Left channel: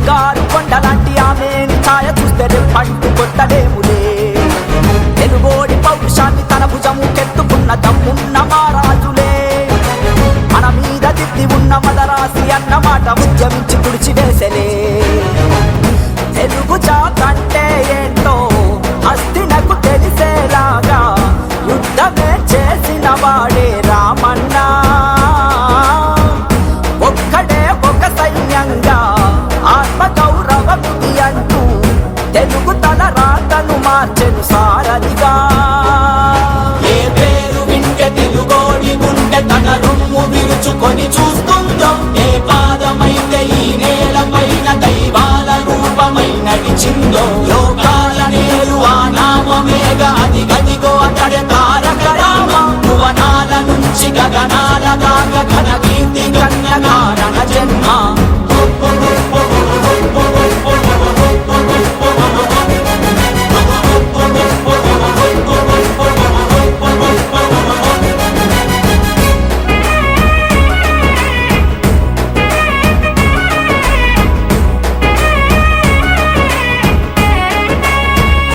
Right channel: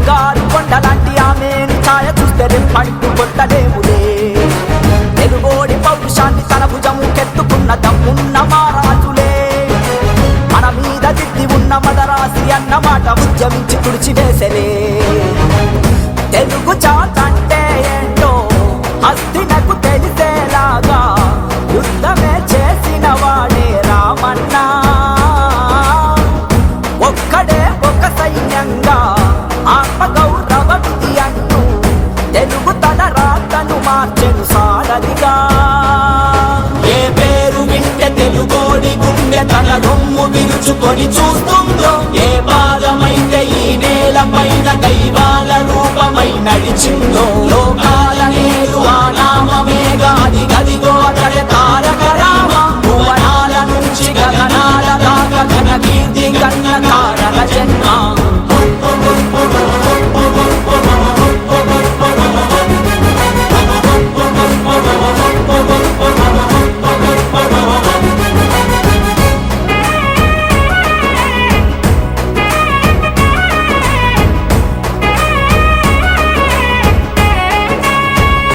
బంగారు కొండలాంటి ఆమెని ఛాయ చూస్తే రెప్పంటూ కొట్టలేములే. తెలుగోడి పౌరుషాన్ని తన భుజము కెత్తుకున్న దమ్మున్న మారాజులే. మన మీద దిద్ది ఉన్న మదరాసి అన్న మాట ఉద్యమించి తుడిచివేసలే. తెలుగు